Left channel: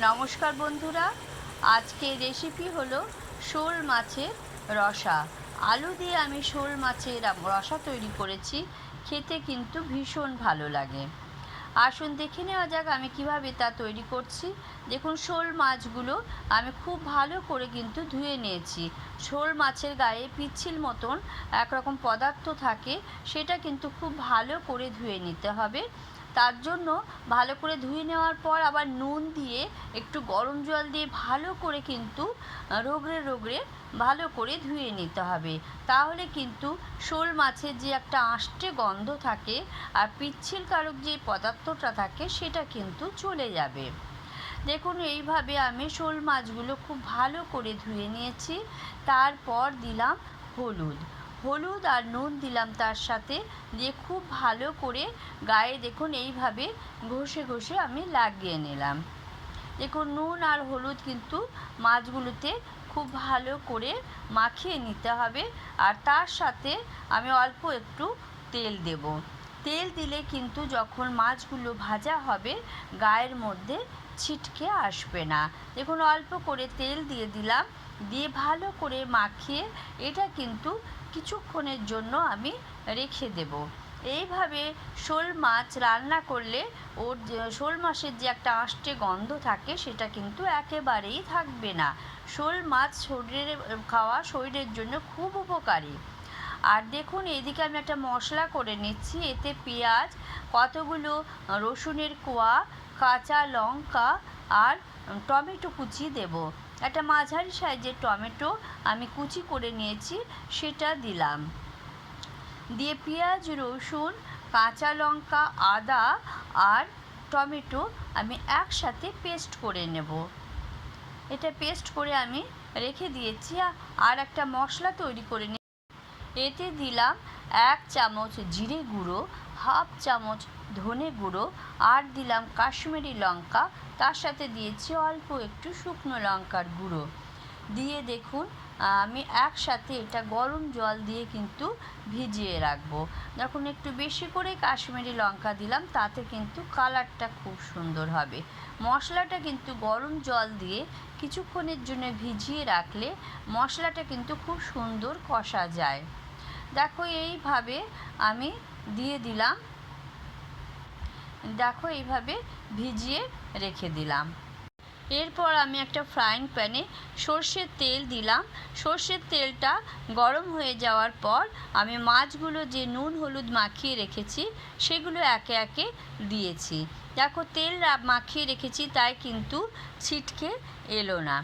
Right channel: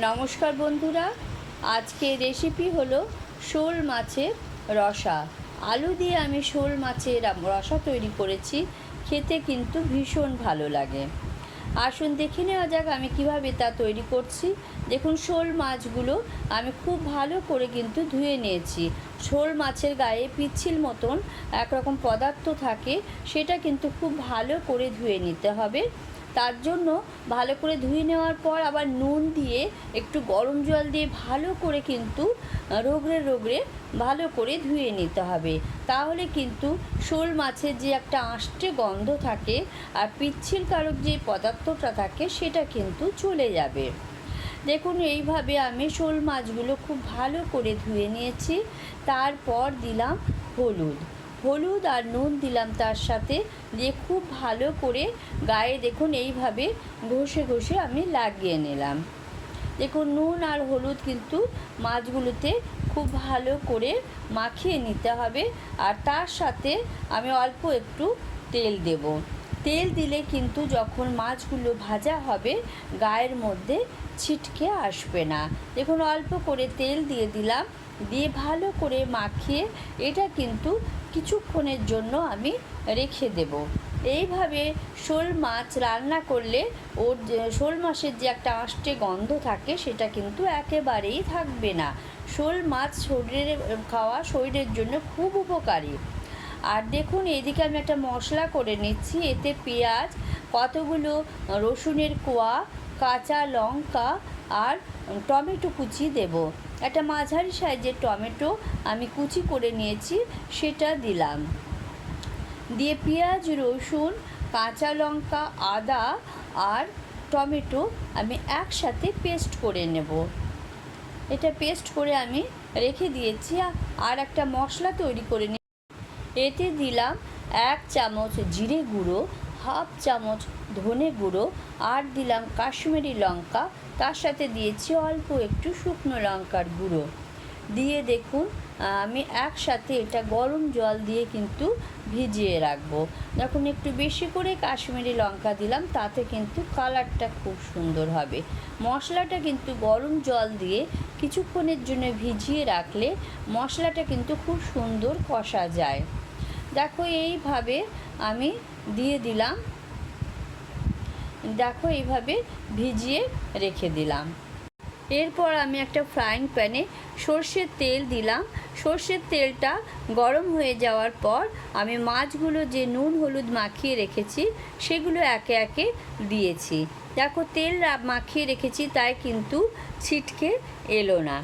নমস্কার বন্ধুরা আজকে রেসিপি হলো শোল মাছের রসা। আলু দিয়ে আমি শোল মাছের রসা তৈরি করেছি, খেতে কিন্তু ভীষণ ভালো লাগে। আসুন দেখে নেওয়া যাক আমি কীভাবে তা তৈরি করছি। দেখুন, শোল মাছগুলো আমি খুব ভালো করে কিন্তু ধুয়ে নিয়েছি। শোল মাছের গায়ে পিচ্ছিল মতন একরকম পদার্থ থাকে, সেটা কিন্তু খুব ভালো করে ধুয়ে নিতে হবে। তার জন্য ভালো করে ধুয়ে নেওয়ার পর আবার নুন দিয়ে একটু গরম জল দিয়ে ভালো করে কিন্তু রোগড়ে রোগড়ে ভালো করে ধুয়ে নিতে হবে। তাহলে কিন্তু শোল মাছের যে একটা আষ্টে গন্ধ থাকে আর পিচ্ছিল কারক যে পদার্থটা থাকে সেটা কিন্তু চলে যাবে। দেখুন, এইভাবে আমি শোল মাছগুলো খুব ভালো করে ধুয়ে নিয়েছি। তারপর দিলাম হলুদ। হলুদ আর নুন দিলাম তার সাথে। দিয়ে খুব ভালো করে গায়ে দেখুন, এইভাবে ঘষে ঘষে আমি লাগিয়ে নিলাম। দেখুন, নুন আর হলুদ কিন্তু মাছগুলোতে খুব ভালো করে মাখিয়ে নিতে হবে। আর তার সাথে আমি অল্প একটু তেল দেব। তেল দিলে কিন্তু যখন মাছগুলো ভাজা হবে, গায়ের মধ্যে ছিটকে আসবে না। দেখুন, অল্প করে তেল দিয়ে দিলাম। দিয়ে ভালো করে মাখিয়ে, এটা কিন্তু কিছুক্ষণের জন্য আমি রেখে দেব। এইভাবে শোল মাছ রান্না করলে ওর শোল মাছের যে একটা আষ্টে গন্ধ থাকে, সেটা কিন্তু একেবারেই থাকবে না। শোল মাছ শরীরে খাওয়া শরীরের জন্য খুব উপকারী। আর দেখুন, এইদিকে আমি একটা মশলা করে নিচ্ছি। এতে পেঁয়াজ, কতগুলো রসুনের কোয়া, কাঁচা লঙ্কা আর টমেটো কুচি দেব। একটা মাঝারি সাইজের টমেটো আমি কুচি করে নিয়েছি, সেটা দিলাম। দিয়ে পেঁয়াজ, রসুন, কাঁচা লঙ্কা, আদা আর টমেটো আমি একসাথে পেস্ট করে নেব। এটা পেস্ট করে আমি রেখে দিয়েছি আর একটা মশলা তৈরি করে নিই এতে দিলাম এক চামচ জিরে গুঁড়ো হাফ চামচ ধনে গুঁড়ো আর দিলাম কাশ্মীরি লঙ্কা, তার সাথে দিয়েছি অল্প একটু শুকনো লঙ্কার গুঁড়ো। দিয়ে দেখুন, আমি একসাথে এটা গরম জল দিয়ে কিন্তু ভিজিয়ে রাখব। যখন একটু বেশি করে কাশ্মীরি লঙ্কা দিলাম, তাতে কিন্তু কালারটা খুব সুন্দর হবে। মশলাটা কিন্তু গরম জল দিয়ে কিছুক্ষণের জন্য ভিজিয়ে রাখলে মশলাটা কিন্তু খুব সুন্দর কষা যায়। দেখো, এইভাবে আমি দিয়ে দিলাম। দেখো এইভাবে ভিজিয়ে রেখে দিলাম। এরপর আমি একটা ফ্রাইং প্যানে সর্ষের তেল দিলাম। সর্ষের তেলটা গরম হয়ে যাওয়ার পর আমি মাছগুলো যে নুন, হলুদ মাখিয়ে রেখেছি, সেগুলো একে একে দিয়েছি। দেখো তেল মাখিয়ে রেখেছি, তাই কিন্তু ছিটকে এলো না।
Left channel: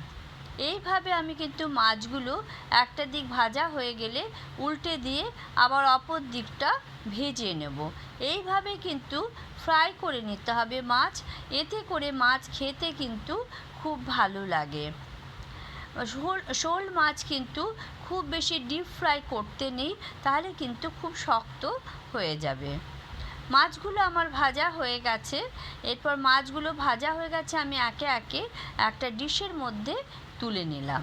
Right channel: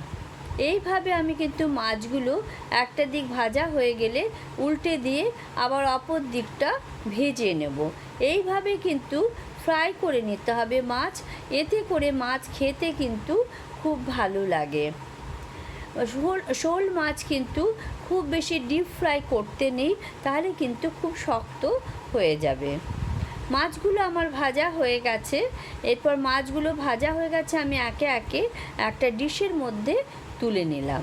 এইভাবে আমি কিন্তু মাছগুলো একটা দিক ভাজা হয়ে গেলে উল্টে দিয়ে আবার অপর দিকটা ভেজে নেব। এইভাবে কিন্তু ফ্রাই করে নিতে হবে মাছ। এতে করে মাছ খেতে কিন্তু খুব ভালো লাগে। শোল শোল মাছ কিন্তু খুব বেশি ডিপ ফ্রাই করতে নেই, তাহলে কিন্তু খুব শক্ত হয়ে যাবে। মাছগুলো আমার ভাজা হয়ে গেছে। এরপর মাছগুলো ভাজা হয়ে গেছে, আমি একে একে একটা ডিশের মধ্যে তুলে নিলাম।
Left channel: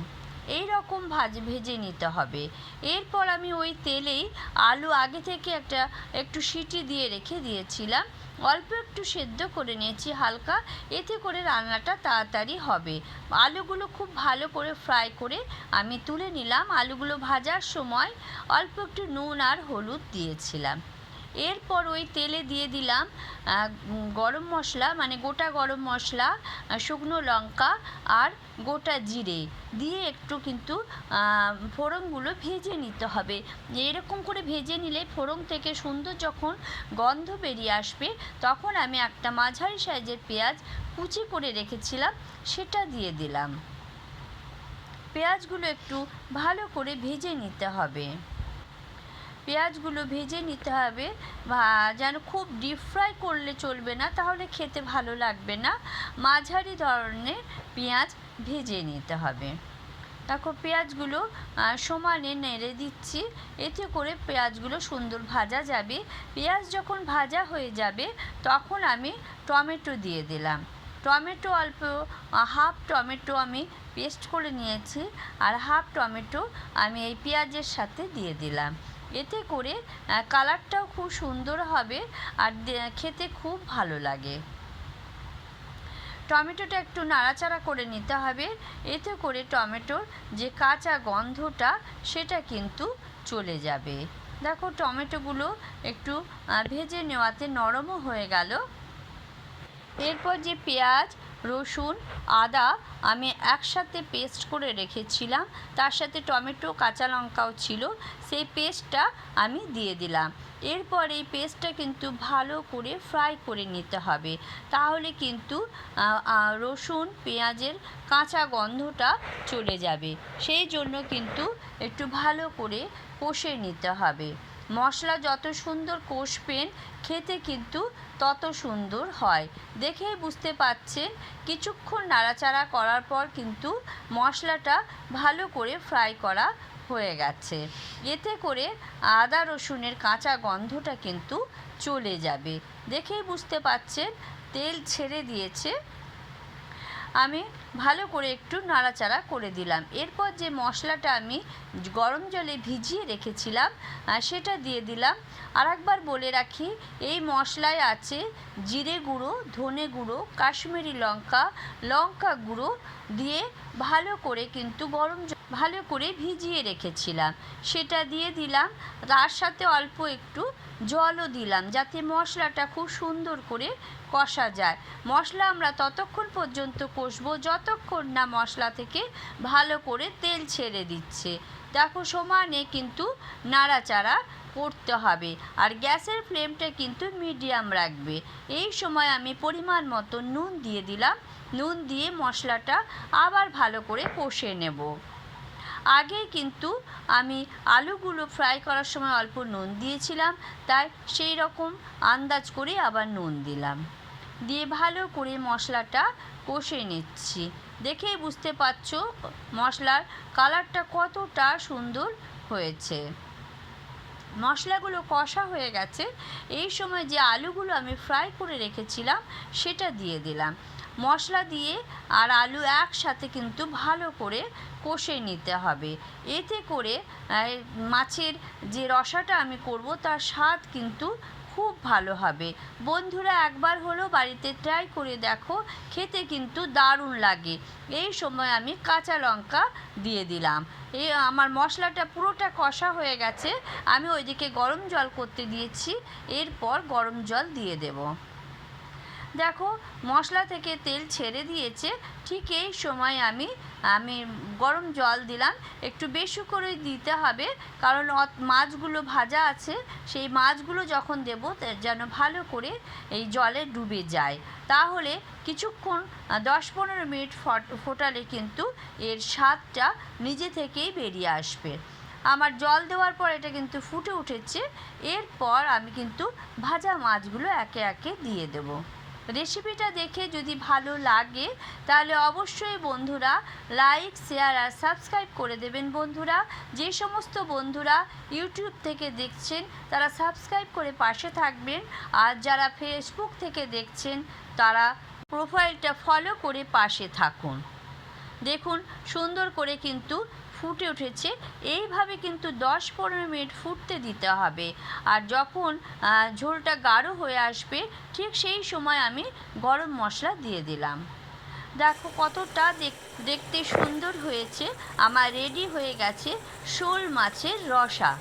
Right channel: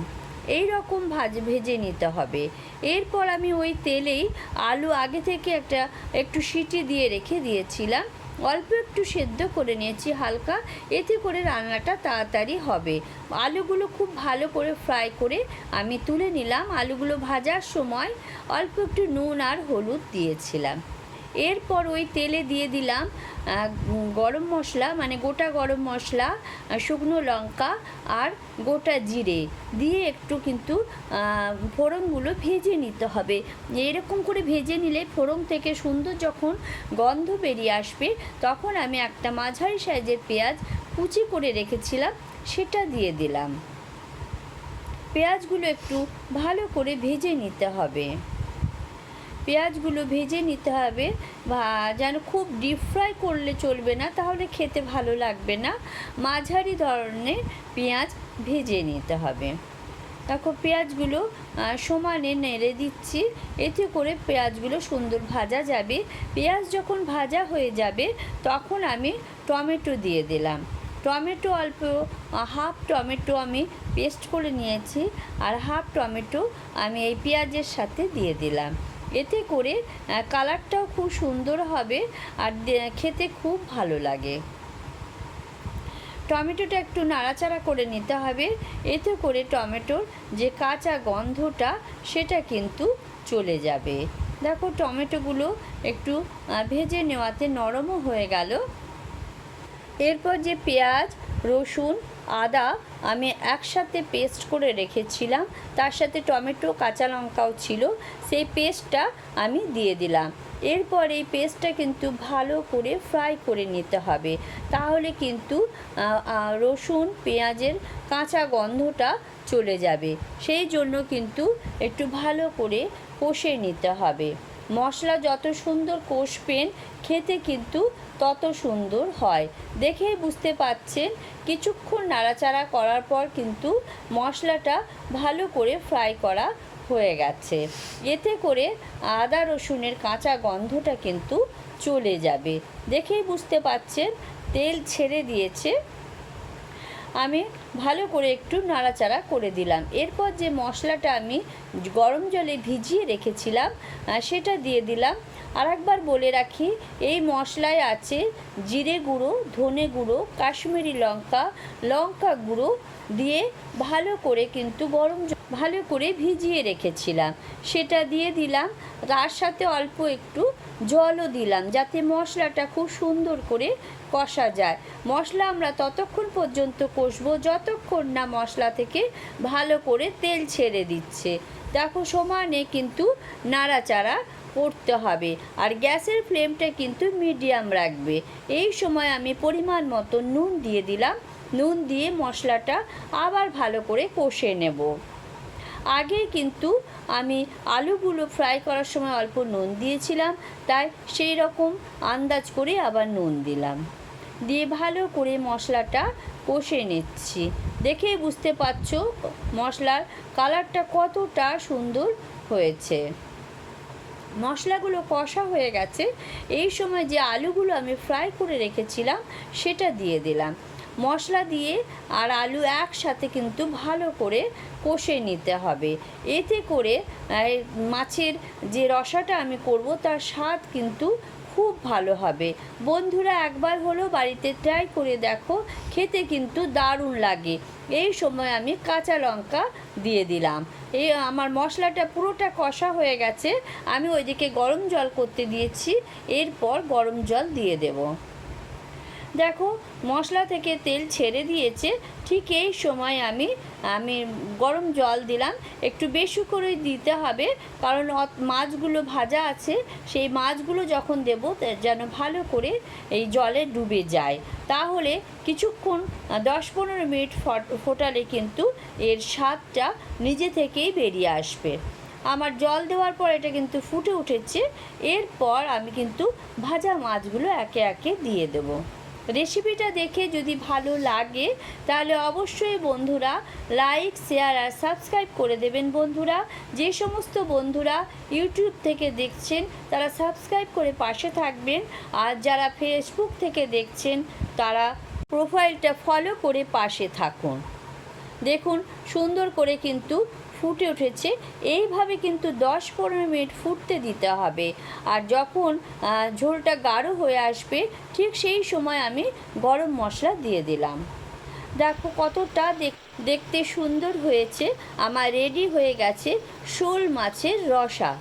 এই রকম ভাজ ভেজে নিতে হবে। এরপর আমি ওই তেলেই আলু আগে থেকে একটা একটু সিটি দিয়ে রেখে দিয়েছিলাম। অল্প একটু সেদ্ধ করে নিয়েছি হালকা। এতে করে রান্নাটা তাড়াতাড়ি হবে। আলুগুলো খুব ভালো করে ফ্রাই করে আমি তুলে নিলাম। আলুগুলো ভাজার সময় অল্প একটু নুন আর হলুদ দিয়েছিলাম। এরপর ওই তেলে দিয়ে দিলাম গরম মশলা মানে গোটা গরম মশলা শুকনো লঙ্কা আর গোটা জিরে দিয়ে একটু কিন্তু ফোড়নগুলো ভেজে নিতে হবে। এরকম করে ভেজে নিলে ফোড়ন থেকে সুন্দর যখন গন্ধ বেরিয়ে আসবে, তখন আমি একটা মাঝারি সাইজের পেঁয়াজ কুচি করে রেখেছিলাম, সেটা দিয়ে দিলাম। পেঁয়াজগুলো একটু ভালো করে ভেজে নিতে হবে। পেঁয়াজগুলো ভেজে নিতে হবে যেন খুব ডিপ ফ্রাই করলে চলবে না, তাহলে খেতে ভালো লাগবে না। মাঝারি ধরনের পেঁয়াজ ভেজে নিতে হবে। দেখো পেঁয়াজগুলো সমানে নেড়ে দিচ্ছি। এতে করে পেঁয়াজগুলো সুন্দর ভাজা যাবে। পেঁয়াজ যখন ভাজা হয়ে যাবে, তখন আমি টমেটো দিয়ে দিলাম। টমেটো অল্প হাফ টমেটো আমি পেস্ট করে নিয়েছি। আর হাফ টমেটো আমি এই পেঁয়াজের সাথে দিয়ে দিলাম। এতে করে কালারটাও খুব সুন্দর হবে আর খেতে খুব ভালো লাগে। টমেটোটা একটু নাড়াচাড়া করে নিতে হবে। এতে করে টমেটোর যে কাঁচা গন্ধটা, সেটা কিন্তু চলে যাবে। দেখো টমেটোগুলো একটু ভেজে নেওয়াতে নরমও হয়ে গেল। এরপর যে পেঁয়াজ, রসুন, আদা আমি একসাথে পেস্ট করে রেখেছিলাম, তার সাথে টমেটো, কাঁচা লঙ্কাও ছিল, সেই পেস্টটা আমি দিয়ে দিলাম। এরপর এই পেস্টটা কিন্তু ভালো করে ফ্রাই করে নিতে হবে। তাহলে কিন্তু রসুন, পেঁয়াজের কাঁচা গন্ধটা চলে যাবে। সেই জন্য কিন্তু একটু ভালো করে কষে নিতে হবে। মশলা যত সুন্দর কষবেন, খেতে কিন্তু তত সুন্দর হয়। দেখেই বুঝতে পাচ্ছেন, কিছুক্ষণ নাড়াচাড়া করার পর কিন্তু মশলাটা ভালো করে ফ্রাই করা হয়ে গেছে। এতে করে আদা, রসুনের কাঁচা গন্ধটা কিন্তু চলে যাবে। দেখেই বুঝতে পাচ্ছেন, তেল ছেড়ে দিয়েছে আমি ভালো করে একটু নাড়াচাড়া করে দিলাম। এরপর যে মশলাটা আমি গরম জলে ভিজিয়ে রেখেছিলাম সেটা দিয়ে দিলাম। আর একবার বলে রাখি, এই মশলায় আছে জিরে গুঁড়ো, ধনে গুঁড়ো, কাশ্মীরি লঙ্কা লঙ্কা গুঁড়ো দিয়ে ভালো করে কিন্তু গরম ভালো করে ভিজিয়ে রেখেছিলাম। সেটা দিয়ে দিলাম, তার সাথে অল্প একটু জলও দিলাম যাতে মশলাটা খুব সুন্দর করে কষা যায়। মশলা আমরা ততক্ষণ পর্যন্ত কষবো যতক্ষণ না মশলা থেকে ভালো করে তেল ছেড়ে দিচ্ছে। দেখো সমানে কিন্তু নাড়াচাড়া করতে হবে আর গ্যাসের ফ্লেমটা কিন্তু মিডিয়াম রাখবে। এই সময় আমি পরিমাণ মতো নুন দিয়ে দিলাম। নুন দিয়ে মশলাটা আবার ভালো করে কষে নেব। আগে কিন্তু আমি আলুগুলো ফ্রাই করার সময় অল্প নুন দিয়েছিলাম, তাই সেই রকম আন্দাজ করে আবার নুন দিলাম। দিয়ে ভালো করে মশলাটা কষে নিচ্ছি। দেখেই বুঝতে পারছ মশলার কালারটা কতটা সুন্দর হয়েছে। মশলাগুলো কষা হয়ে গেছে, এই সময় যে আলুগুলো আমি ফ্রাই করে রেখেছিলাম, সেটা দিয়ে দিলাম। মশলা দিয়ে আর আলু একসাথে কিন্তু ভালো করে কষে নিতে হবে। এতে করে মাছের যে রসাটা আমি করব, তার স্বাদ কিন্তু খুব ভালো হবে। বন্ধুরা, একবার হলো বাড়িতে ট্রাই করে দেখো, খেতে কিন্তু দারুণ লাগে। এই সময় আমি কাঁচা লঙ্কা দিয়ে দিলাম। এই আমার মশলাটা পুরোটা কষা হয়ে গেছে। আমি ওইদিকে গরম জল করতে দিয়েছি। এরপর গরম জল দিয়ে দেবো। দেখো, মশলা থেকে তেল ছেড়ে দিয়েছে। ঠিক এই সময় আমি আমি গরম জল দিলাম। একটু বেশি করে দিতে হবে, কারণ মাছগুলো ভাজা আছে। সেই মাছগুলো যখন দেবো যেন ভালো করে এই জলে ডুবে যায়। তাহলে কিছুক্ষণ, দশ পনেরো মিনিট ফট- ফোটালে কিন্তু এর স্বাদটা নিজে থেকেই বেরিয়ে আসবে। আমার জল দেওয়ার পর এটা কিন্তু ফুটে উঠেছে। এরপর আমি কিন্তু ভাজা মাছগুলো একে একে দিয়ে দেবো। রেসিপিটা দেখে যদি ভালো লাগে, তাহলে অবশ্যই বন্ধুরা লাইক, শেয়ার আর সাবস্ক্রাইব করে দেবেন বন্ধুরা। যে সমস্ত বন্ধুরা ইউটিউব থেকে দেখছেন, তারা সাবস্ক্রাইব করে পাশে থাকবেন। আর যারা ফেসবুক থেকে দেখছেন, তারা প্রোফাইলটা ফলো করে পাশে থাকুন। দেখুন, সুন্দর করে কিন্তু ফুটে উঠেছে, এইভাবে কিন্তু দশ পনেরো মিনিট ফুটতে দিতে হবে। আর যখন ঝোলটা গাঢ় হয়ে আসবে, ঠিক সেই সময় আমি গরম মশলা দিয়ে দিলাম। দেখো কতটা দেখ- দেখতে সুন্দর হয়েছে, আমার রেডি হয়ে গেছে শোল মাছের রসা।